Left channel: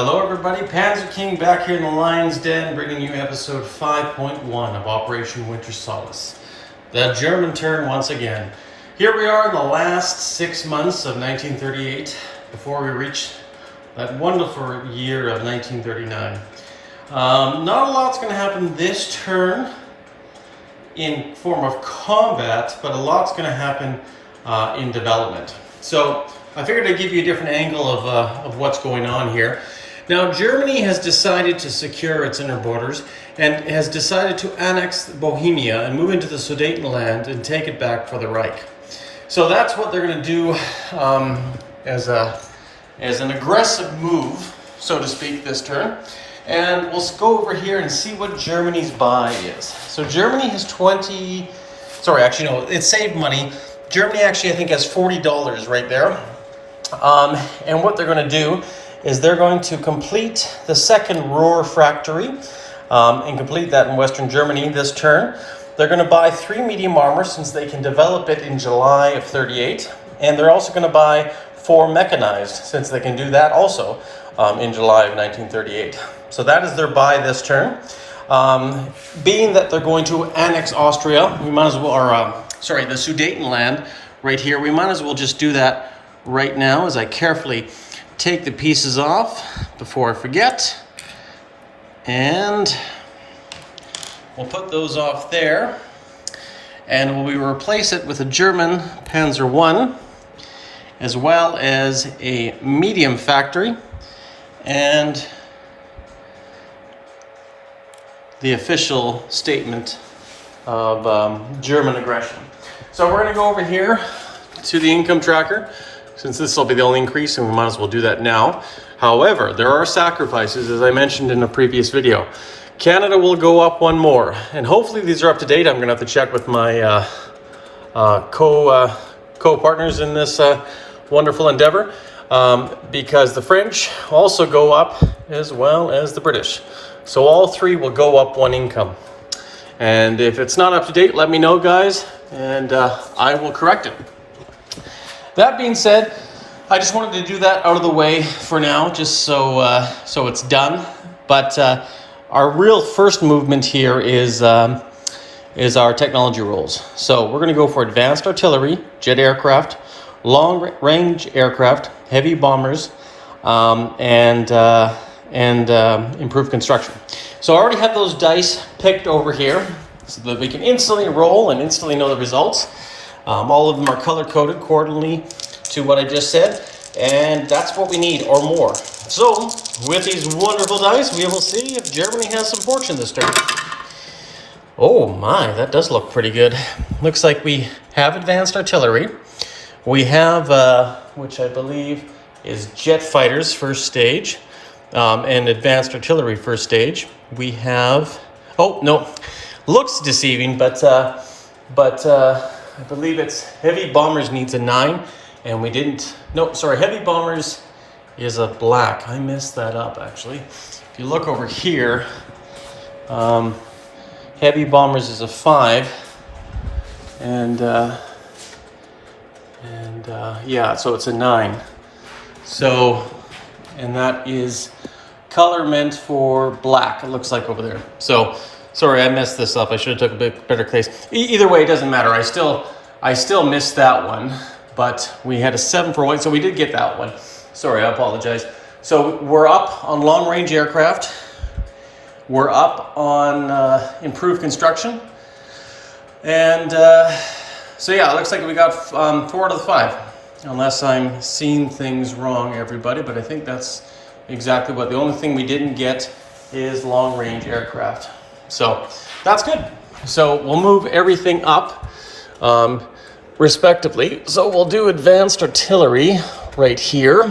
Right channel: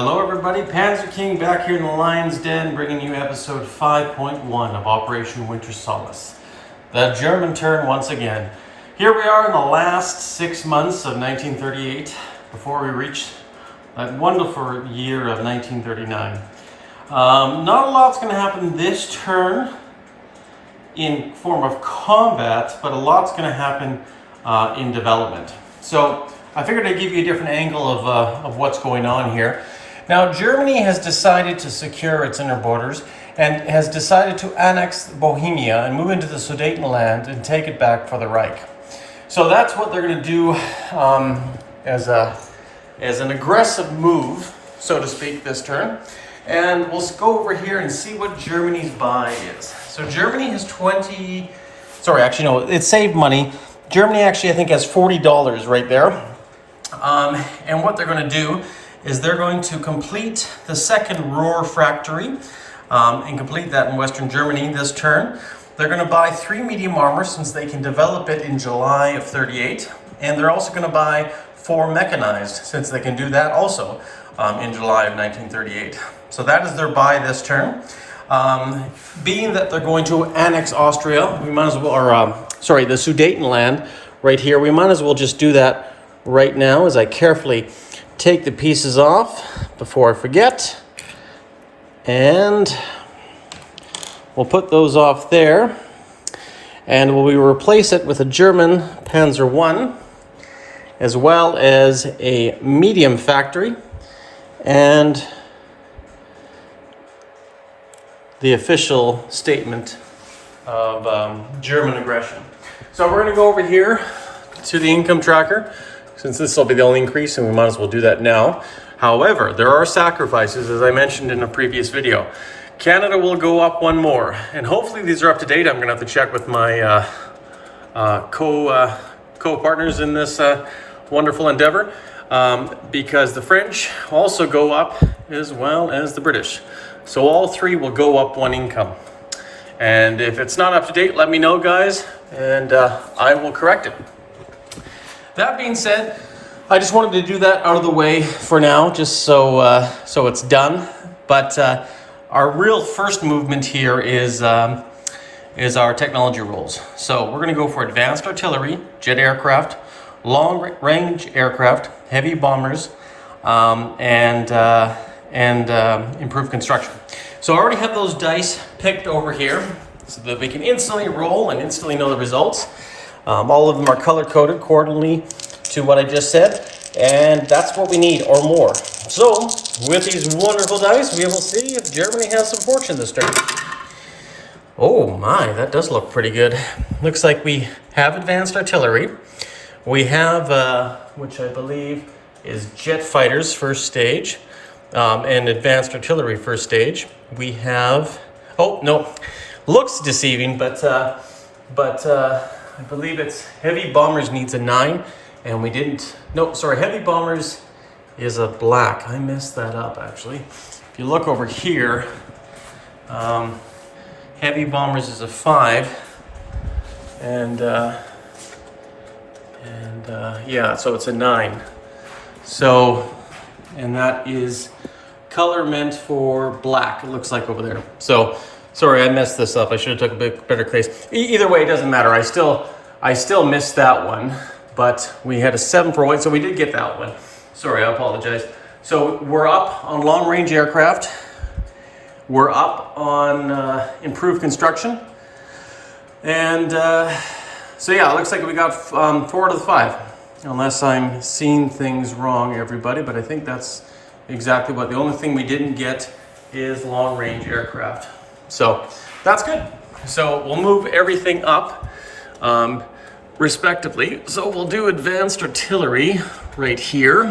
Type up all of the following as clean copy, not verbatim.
Hello everybody, Panzer King back here in the Lion's Den bringing you episode 5.1 of Operation Winter Solace. The German turn once again. Here we are in the last 6 months of 1938 before we reach that wonderful year of 1939. Not a lot's going to happen this turn in form of combat, but a lot's going to happen in development. So I figured I'd give you a different angle of what's going on here. Now, Germany has decided to secure its inner borders and has decided to annex Bohemia and move into the Sudetenland and take it back for the Reich. So that's what they're going to do as an aggressive move, so to speak, this turn. And we'll go over here and see what Germany's buy is. So Germany has it saved money. Germany actually, I think, has $40 right there. And what they're going to do is they're going to complete the second Ruhr factory and complete that in Western Germany this turn. They're going to buy 3 medium armor since they can develop it in July of 38. And they're also going to buy 4 mechanized since they can do that also in July of 1938. So that is their buy this turn. Being that they're going to annex Austria, we might as well, the Sudetenland right here, we might as well just do that right now as I carefully take the pieces off before I forget. And we'll put those off there. And we'll replace it with a German Panzer I, as well as a medium factory and the official statement of German aggression. So we're going to go over here to the income tracker, since this will be the only increase, and we might as well do that now. However, there are sacrifices, as I mentioned in a previous video. Canada will go up 1 more, and hopefully these are up to date. I'm going to have to check with my co-partners in this wonderful endeavor, because the French also go up as well as the British. So all 3 will go up 1 income. And if it's not up to date, let me know, guys, and I will correct it. That being said, I just wanted to do that out of the way for now, just so it's done. But our real first movement here is our technology roles. So we're going to go for advanced artillery, jet aircraft, long-range aircraft, heavy bombers, and improved construction. So I already have those dice picked over here so that we can instantly roll and instantly know the results. All of them are color-coded accordingly to what I just said, and that's what we need, or more. So, with these wonderful dice, we will see if Germany has some fortune this turn. Oh my, that does look pretty good. Looks like we have advanced artillery. We have, which I believe is jet fighters first stage, and advanced artillery first stage. We have, oh no, looks deceiving, but I believe it's heavy bombers needs a 9, and we didn't. No, sorry, heavy bombers is a black. I messed that up actually. If you look over here, heavy bombers is a 5, and yeah, so it's a 9. So, and that is color meant for black. It looks like over there. So. Sorry, I messed this up. I should have took a bit better place. Either way, it doesn't matter. I still missed that one, but we had a 7 for white, so we did get that one. Sorry, I apologize. So we're up on long-range aircraft. We're up on improved construction. And so yeah, it looks like we got 4 out of the 5. Unless I'm seeing things wrong, everybody, but I think that's exactly what. The only thing we didn't get is long-range aircraft. So that's good. So we'll move everything up respectively. So we'll do advanced artillery right here.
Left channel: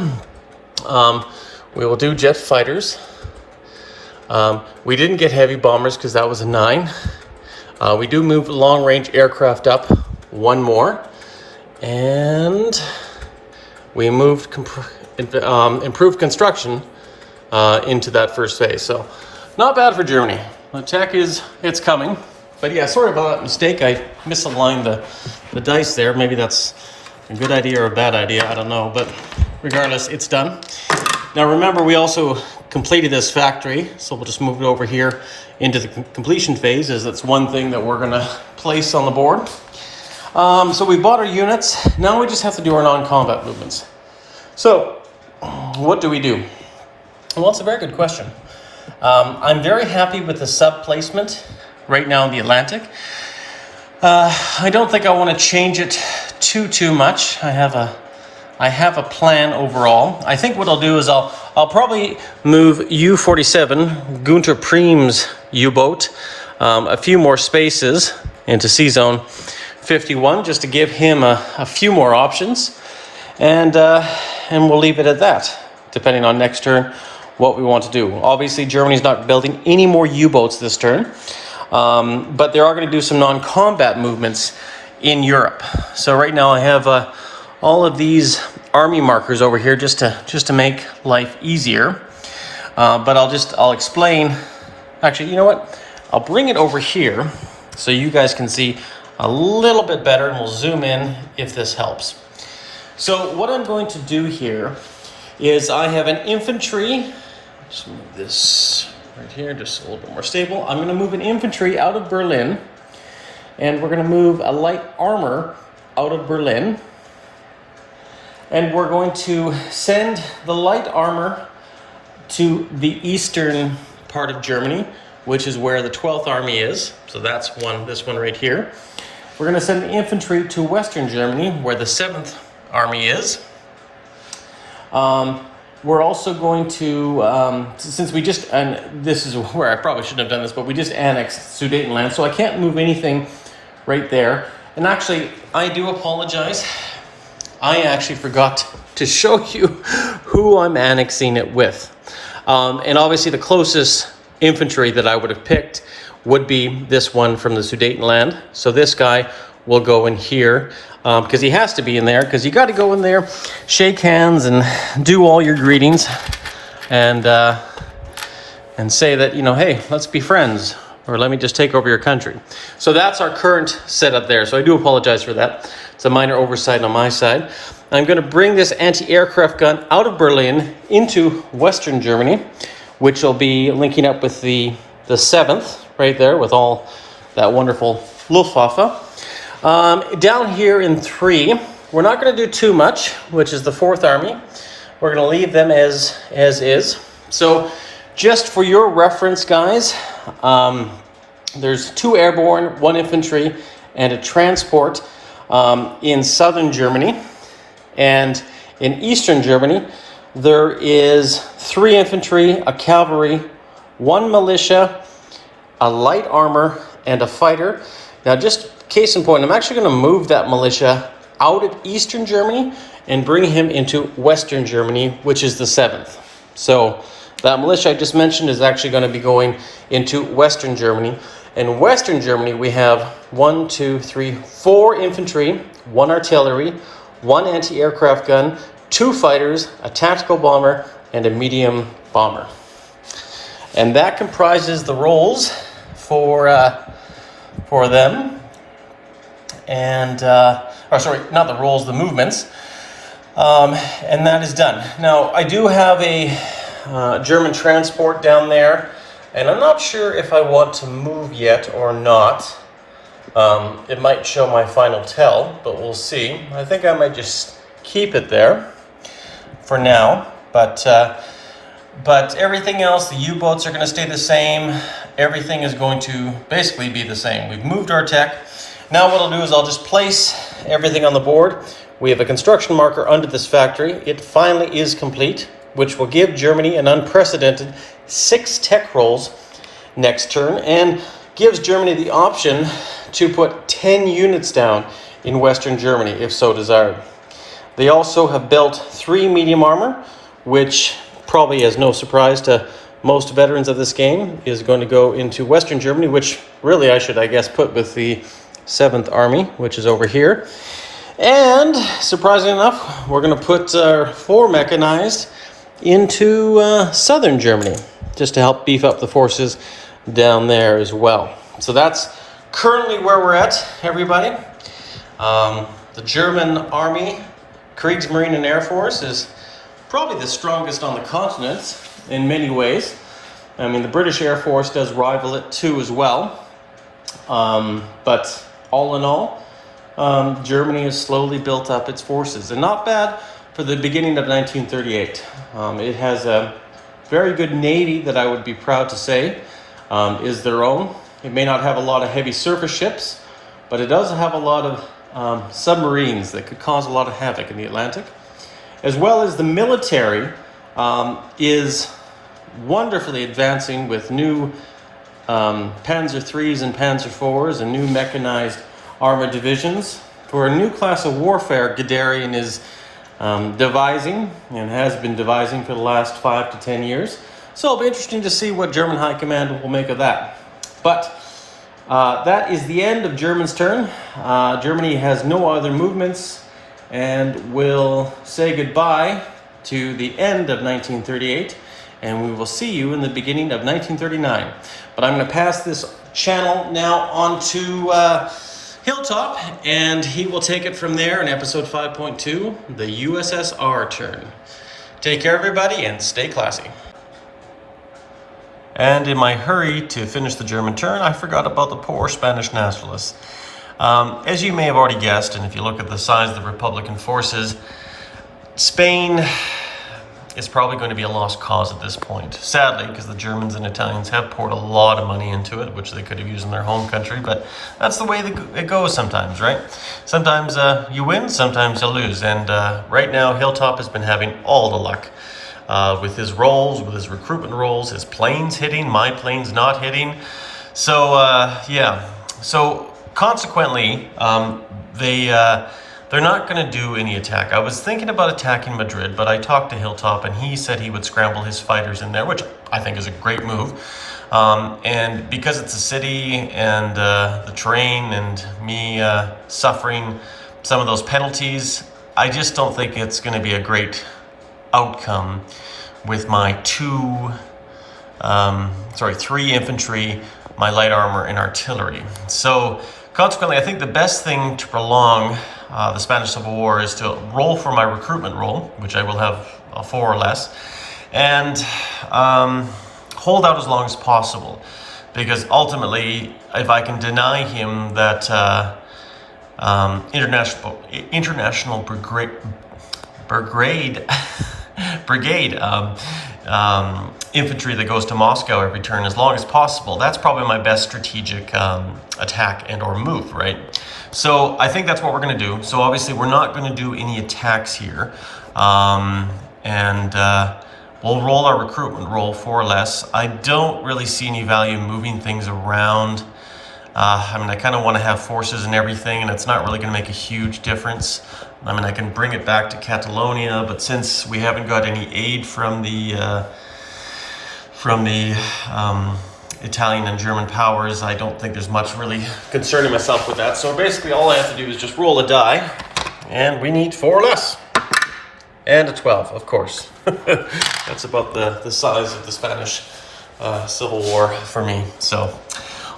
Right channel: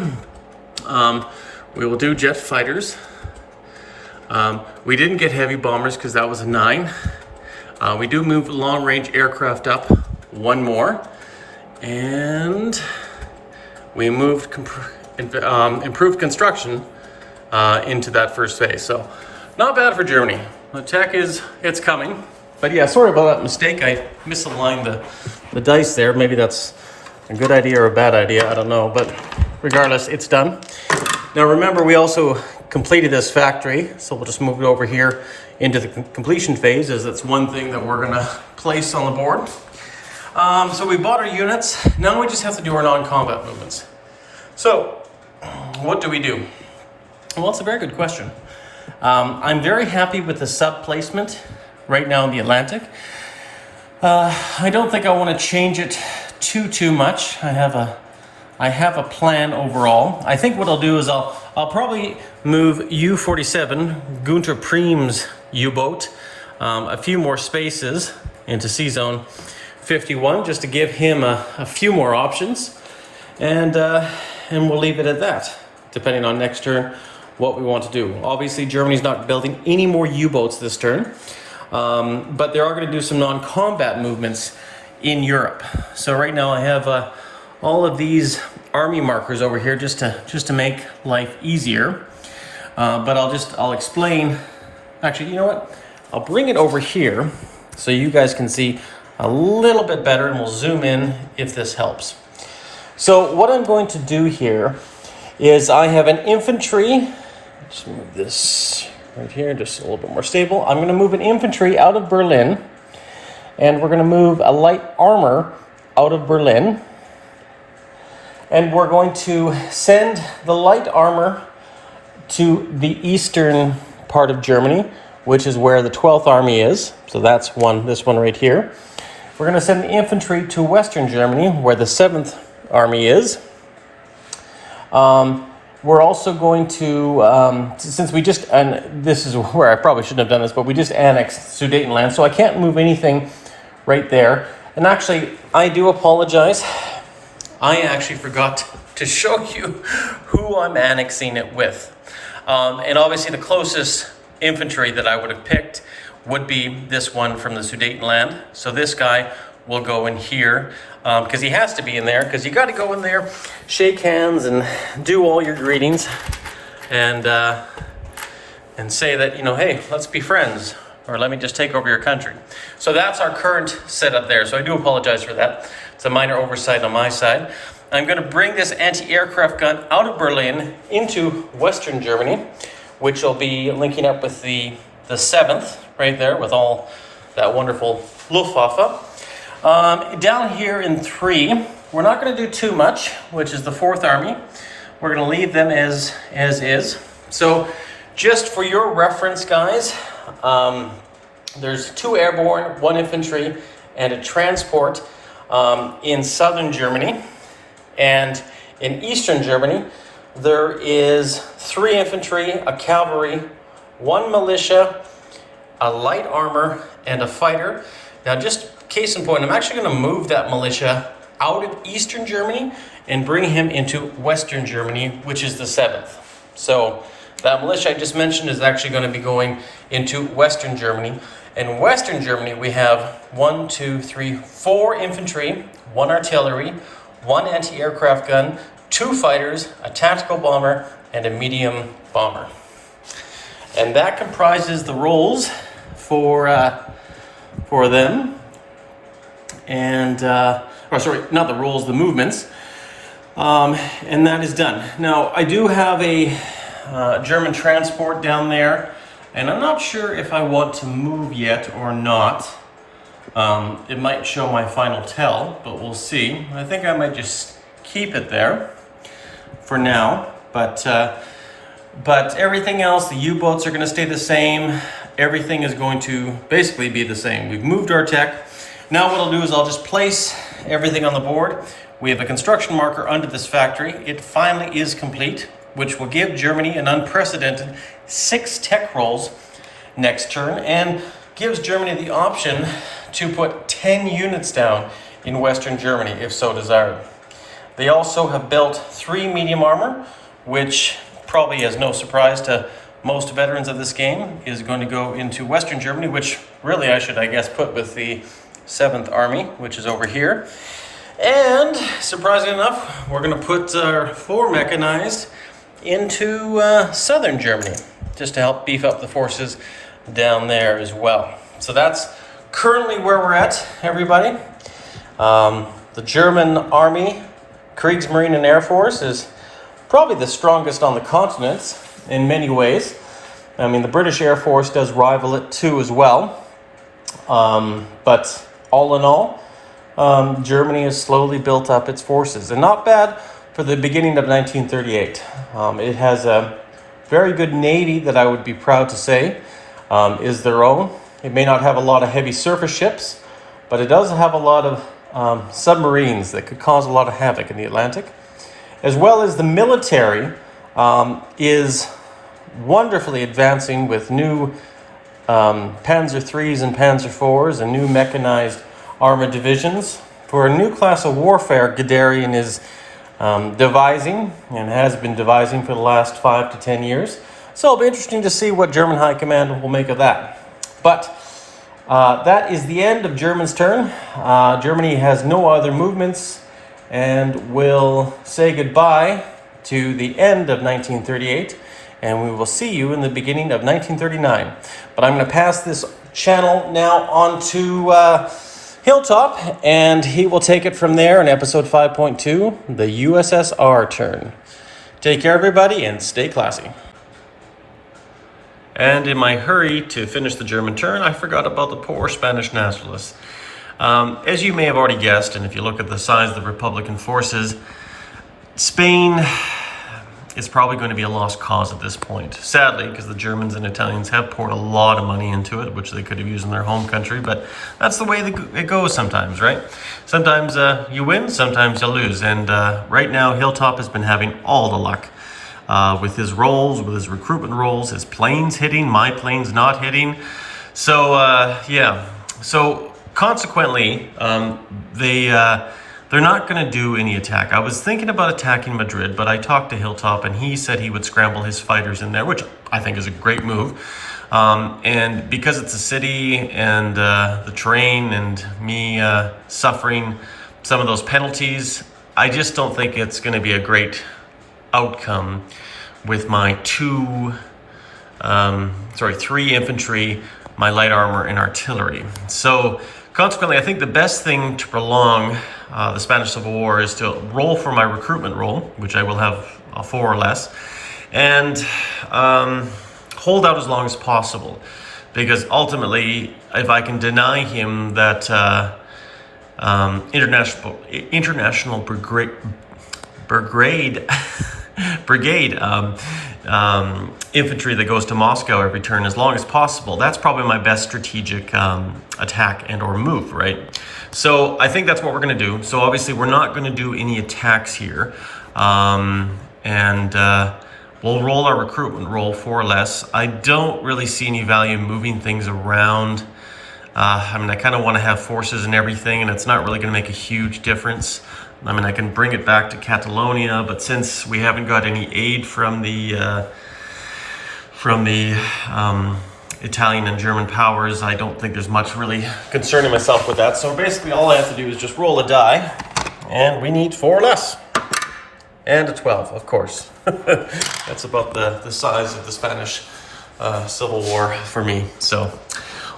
We will do jet fighters. We didn't get heavy bombers because that was a 9. We do move long-range aircraft up 1 more. And we moved improved construction into that first phase. So not bad for Germany. The tech it's coming. But yeah, sorry about that mistake. I misaligned the dice there. Maybe that's a good idea or a bad idea. I don't know. But regardless, it's done. Now remember, we also completed this factory, so we'll just move it over here into the completion phase, as that's one thing that we're gonna place on the board. So we bought our units. Now we just have to do our non-combat movements. So what do we do? Well, it's a very good question. I'm very happy with the sub placement right now in the Atlantic. I don't think I want to change it too much. I have a plan overall. I think what I'll do is I'll probably move U-47, Gunter Preem's U-boat, a few more spaces into C-Zone 51, just to give him a few more options, and we'll leave it at that, depending on next turn what we want to do. Obviously, Germany's not building any more U-boats this turn, but they are going to do some non-combat movements in Europe. So right now I have all of these army markers over here just to make life easier. But I'll explain. Actually, you know what? I'll bring it over here so you guys can see a little bit better, and we'll zoom in if this helps. So what I'm going to do here is I have an infantry. Just move this right here, just a little bit more stable. I'm going to move an infantry out of Berlin, and we're going to move a light armor out of Berlin. And we're going to send the light armor to the eastern part of Germany, which is where the 12th Army is. So that's this one right here. We're going to send the infantry to western Germany, where the 7th Army is. We're also going to, since we just, and this is where I probably shouldn't have done this, but we just annexed Sudetenland, so I can't move anything right there. And actually, I do apologize. I actually forgot to show you who I'm annexing it with. And obviously the closest infantry that I would have picked would be this one from the Sudetenland. So this guy will go in here, because he has to be in there, because you got to go in there, shake hands, and do all your greetings, and say that, you know, hey, let's be friends, or let me just take over your country. So that's our current setup there. So I do apologize for that. It's a minor oversight on my side. I'm going to bring this anti-aircraft gun out of Berlin into Western Germany, which will be linking up with the 7th right there with all that wonderful Luftwaffe. Down here in 3, we're not going to do too much, which is the 4th Army. We're going to leave them as is. So just for your reference, guys, there's 2 airborne, 1 infantry, and a transport in southern Germany. And in eastern Germany, there is 3 infantry, a cavalry, 1 militia, a light armor, and a fighter. Now, just case in point, I'm actually going to move that militia out of eastern Germany and bring him into western Germany, which is the 7th. So that militia I just mentioned is actually going to be going into western Germany. In western Germany, we have 1, 2, 3, 4 infantry, 1 artillery, 1 anti-aircraft gun, 2 fighters, a tactical bomber, and a medium bomber. And that comprises the roles for them. And, sorry, not the roles, the movements. And that is done. Now, I do have a German transport down there, and I'm not sure if I want to move yet or not. It might show my final tell, but we'll see. I think I might just keep it there for now. But everything else, the U-boats are going to stay the same. Everything is going to basically be the same. We've moved our tech. Now what I'll do is I'll just place everything on the board. We have a construction marker under this factory. It finally is complete, which will give Germany an unprecedented 6 tech rolls next turn, and gives Germany the option to put 10 units down in Western Germany, if so desired. They also have built 3 medium armor, which probably is no surprise to most veterans of this game, is going to go into Western Germany, which really I should, I guess, put with the 7th Army, which is over here. And surprisingly enough, we're going to put 4 mechanized into southern Germany, just to help beef up the forces down there as well. So that's currently where we're at, everybody. The German Army, Kriegsmarine and Air Force is probably the strongest on the continent in many ways. I mean, the British Air Force does rival it too as well. But all in all, Germany has slowly built up its forces, and not bad for the beginning of 1938. It has a very good navy that I would be proud to say is their own. It may not have a lot of heavy surface ships, but it does have a lot of submarines that could cause a lot of havoc in the Atlantic. As well as the military is wonderfully advancing with new Panzer IIIs and Panzer IVs and new mechanized armored divisions. For a new class of warfare, Guderian is devising and has been devising for the last 5 to 10 years. So it'll be interesting to see what German High Command will make of that. But that is the end of Germany's turn. Germany has no other movements and will say goodbye to the end of 1938, and we will see you in the beginning of 1939. But I'm going to pass this channel now on to Hilltop, and he will take it from there in episode 5.2, the USSR turn. Take care, everybody, and stay classy. And in my hurry to finish the German turn, I forgot about the poor Spanish nationalists. As you may have already guessed, and if you look at the size of the Republican forces, Spain is probably going to be a lost cause at this point. Sadly, because the Germans and Italians have poured a lot of money into it, which they could have used in their home country, but that's the way it goes sometimes, right? Sometimes you win, sometimes you lose, and right now Hilltop has been having all the luck. With his rolls, with his recruitment rolls, his planes hitting, my planes not hitting. So, yeah. So, consequently, they're not going to do any attack. I was thinking about attacking Madrid, but I talked to Hilltop, and he said he would scramble his fighters in there, which I think is a great move. And because it's a city, and the terrain, and me suffering some of those penalties, I just don't think it's going to be a great outcome with my 3 infantry, my light armor, and artillery. So consequently, I think the best thing to prolong the Spanish Civil War is to roll for my recruitment roll, which I will have 4 or less, and hold out as long as possible, because ultimately, if I can deny him that international brigade infantry that goes to Moscow every turn as long as possible, that's probably my best strategic attack and or move, right? So I think that's what we're going to do. So obviously we're not going to do any attacks here, and we'll roll our recruitment roll 4 or less. I don't really see any value in moving things around. I mean, I kind of want to have forces and everything, and it's not really going to make a huge difference. I mean, I can bring it back to Catalonia, but since we haven't got any aid from the Italian and German powers, I don't think there's much really concerning myself with that. So basically all I have to do is just roll a die, and we need 4 or less. And a 12, of course. That's about the size of the Spanish Civil War for me. So,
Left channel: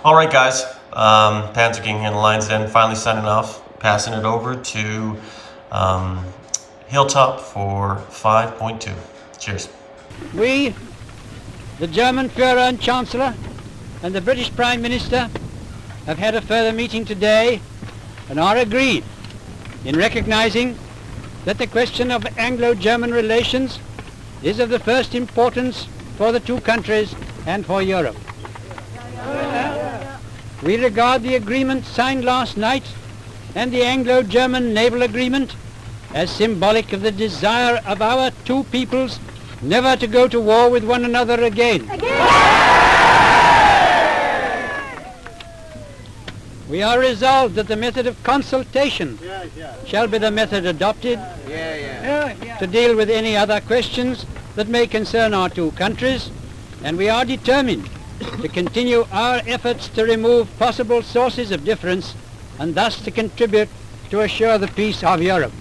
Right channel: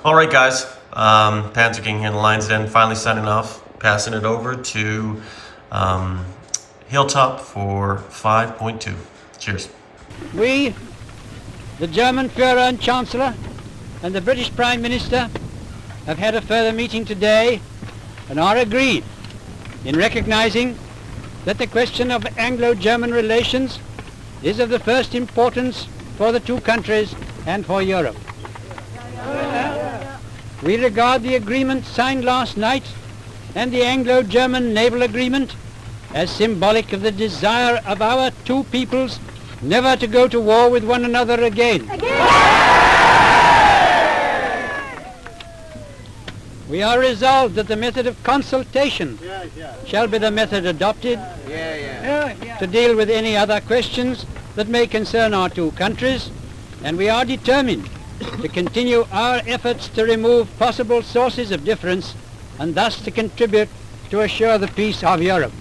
all right, guys. Panzer King and Lion's Den finally signing off, passing it over to Hilltop for 5.2. Cheers. We, the German Führer and Chancellor, and the British Prime Minister have had a further meeting today and are agreed in recognizing that the question of Anglo-German relations is of the first importance for the 2 countries and for Europe. We regard the agreement signed last night and the Anglo-German naval agreement as symbolic of the desire of our 2 peoples never to go to war with one another again. We are resolved that the method of consultation shall be the method adopted to deal with any other questions that may concern our 2 countries, and we are determined to continue our efforts to remove possible sources of difference and thus to contribute to assure the peace of Europe.